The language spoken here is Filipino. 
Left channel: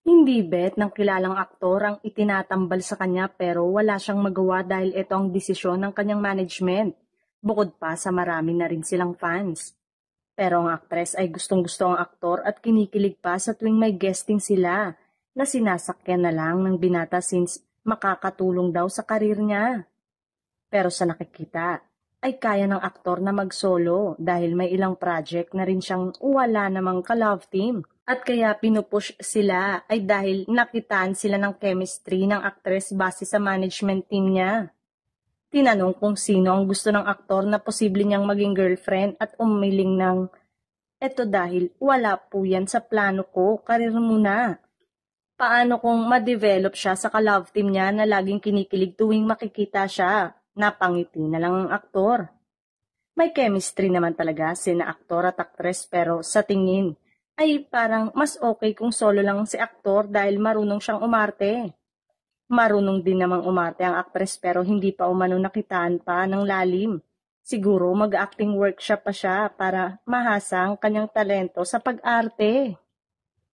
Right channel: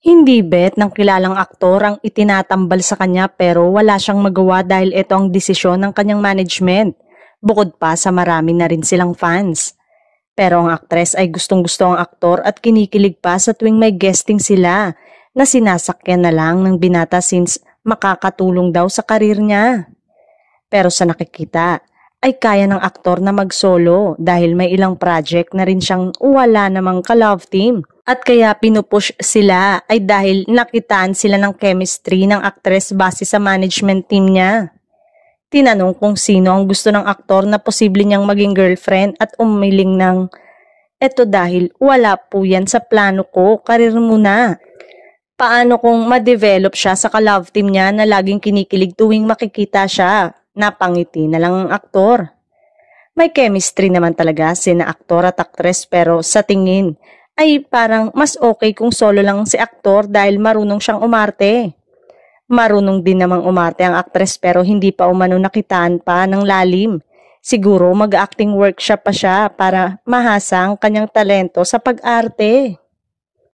Hindi bet ng kilalang aktor ang itinatambal sa kanya pero wala siyang magawa dahil ito ang desisyon ng kanyang management. Bukod pa sa marami na rin silang fans. Pero ang aktres ay gustong-gusto ang aktor at kinikilig pa sa tuwing may guesting sila na sinasakyan na lang ng binata since makakatulong daw sa karir niya. Pero sa nakikita ay kaya ng aktor na mag-solo dahil may ilang project na rin siyang wala namang ka-love team. At kaya pinupush sila ay dahil nakitaan sila ng chemistry ng aktres base sa management team niya. Tinanong kung sino ang gusto ng aktor na posible niyang maging girlfriend at umiling ng, eto dahil wala po yan sa plano ko, karir muna. Paano kung ma-develop siya sa ka-love team niya na laging kinikilig tuwing makikita siya? Napangiti na lang ang aktor. May chemistry naman talaga sina aktor at aktres pero sa tingin ay parang mas okay kung solo lang si aktor dahil marunong siyang umarte. Marunong din namang umarte ang aktres pero hindi pa umano nakitaan pa ng lalim. Siguro mag-acting workshop pa siya para mahasa ang kanyang talento sa pag-arte.